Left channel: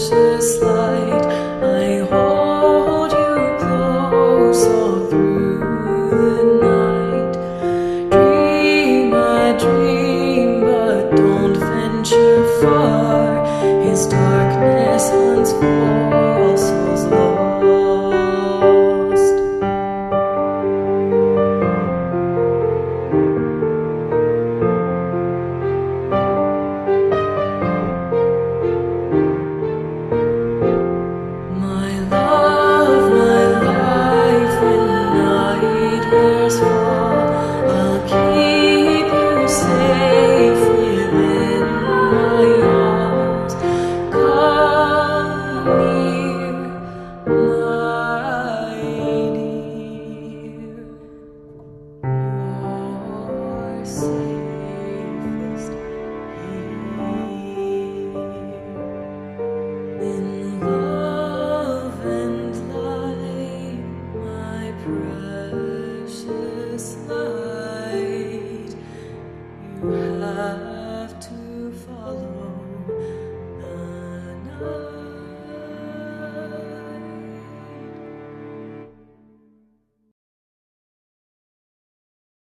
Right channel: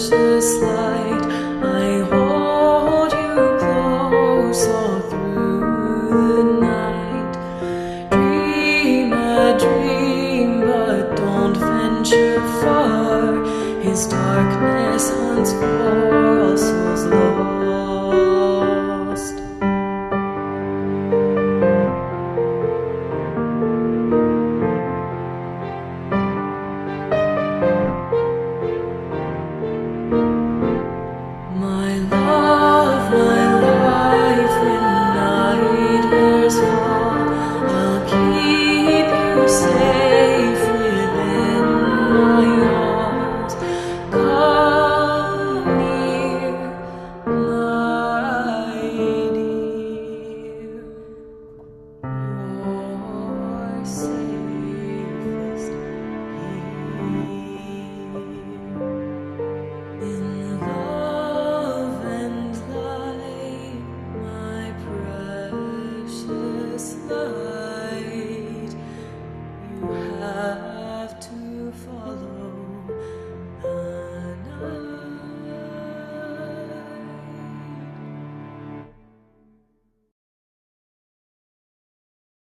precious light. I hold you close all through the night. Dream a dream, but don't venture far. His darkness hunts for all souls lost. My love, my life, when night hairs fall, I'll keep you safe within my arms. Come near, my dear. You're safest here. In love and light, my precious light, you have to follow the